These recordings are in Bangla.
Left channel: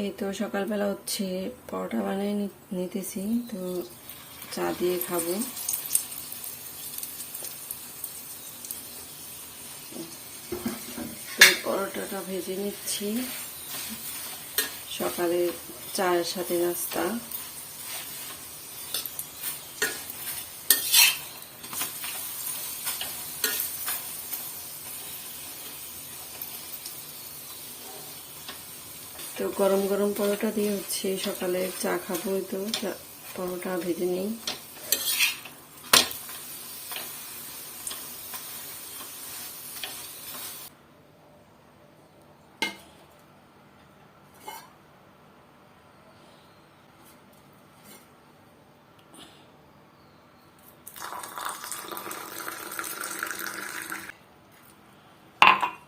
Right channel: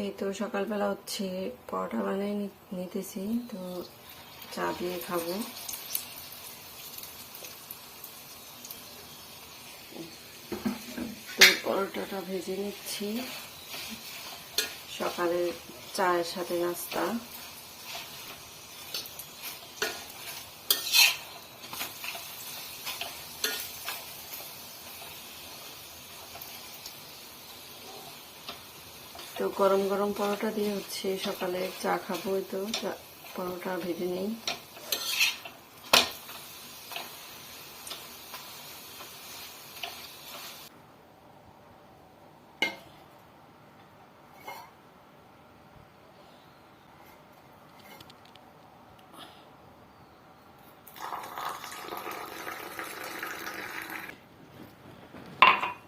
এই তো সকালবেলা হচ্ছে পরোটা বানিয়ে নিতেছি, তো চা দিয়ে খাব। তো পরোটাটা ভেজে নিচ্ছি। সকালে চায়ের সাথে নাস্তা। তো গরম গরম পরোটা দিয়ে হচ্ছে সকালে চা খাব তো। পরোটা ভেজে নেই।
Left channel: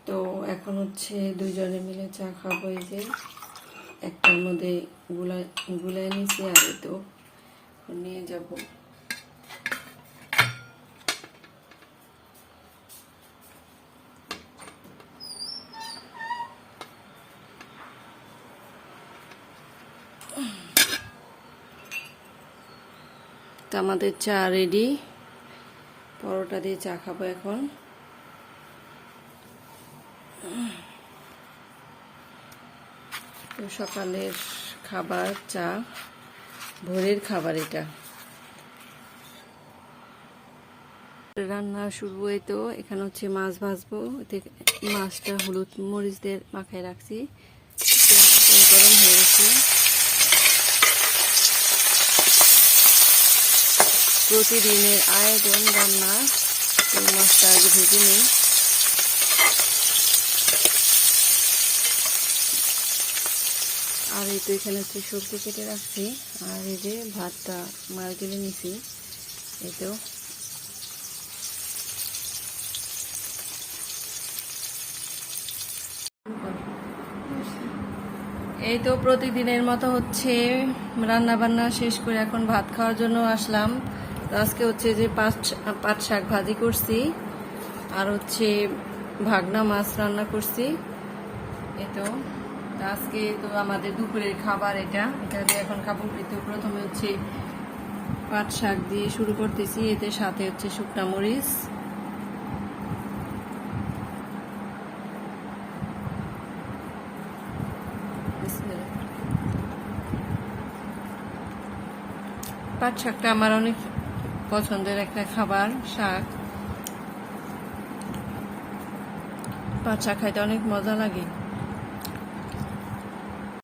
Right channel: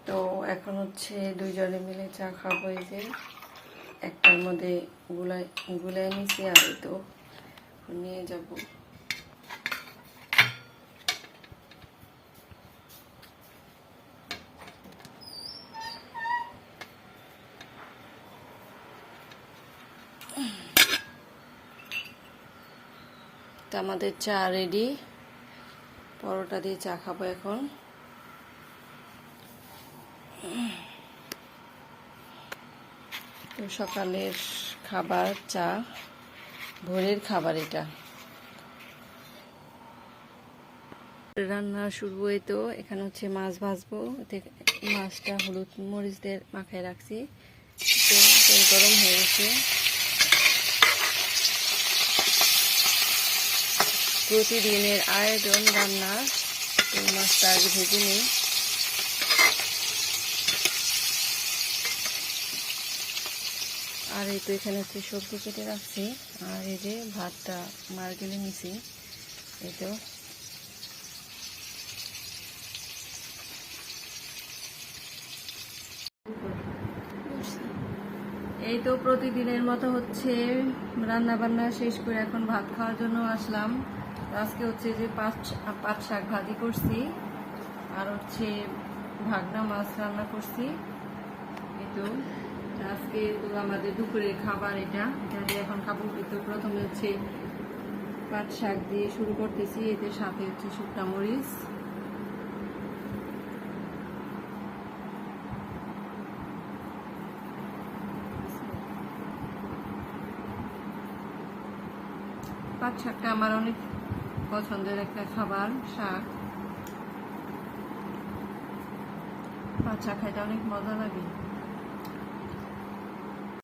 তো এখন হচ্ছে দুইজনে মিলে চা খাব এই যে। একটার মধ্যে গুলাই গুলাই নিছি আর তো নিয়ে যাব। আমাদের চা রেডি পরোটা দিয়ে চা খাব এখন। তো সকালের খাবার, চা ভোরের খাবার এটা। রান্না শুরু এই তো এখানে হচ্ছে মাছ ভাজবো। মাছটা হলুদ মরিচ দিয়ে মাখায় রাখছি। গরম হয়ে গেছে। প্রতিদিনের আয়োজন রান্না। মাছটা আগে ভেজে নিই। আর এই তো এখানে হচ্ছে সবজি কেটে রাখছি। আর এই যে ভাতটা মার গেলে নিছি। এই তো। এই তো প্রতিদিনের মতো হচ্ছে রান্না বান্না শেষ করে এখন ভাত খাওয়ার জন্য আসলাম। আজকে হচ্ছে যে পাঁচ, পাট শাক ভাজি করছি। আর হচ্ছে ভাগনা মাছ রান্না করছি। এই তো। আজকে তো আমাদের দুপুরের খাবার এটা। এটা দিয়ে এখন খাব এই তো প্রথমে হচ্ছে পাট শাক দিয়ে শুরু করতেছি। এতে সাথে হচ্ছে শুকনা মরিচ। পাট শাকটা আমার অনেক পছন্দের একটা খাবার, শাক। পাট শাক খাইতে অনেক মজা লাগে।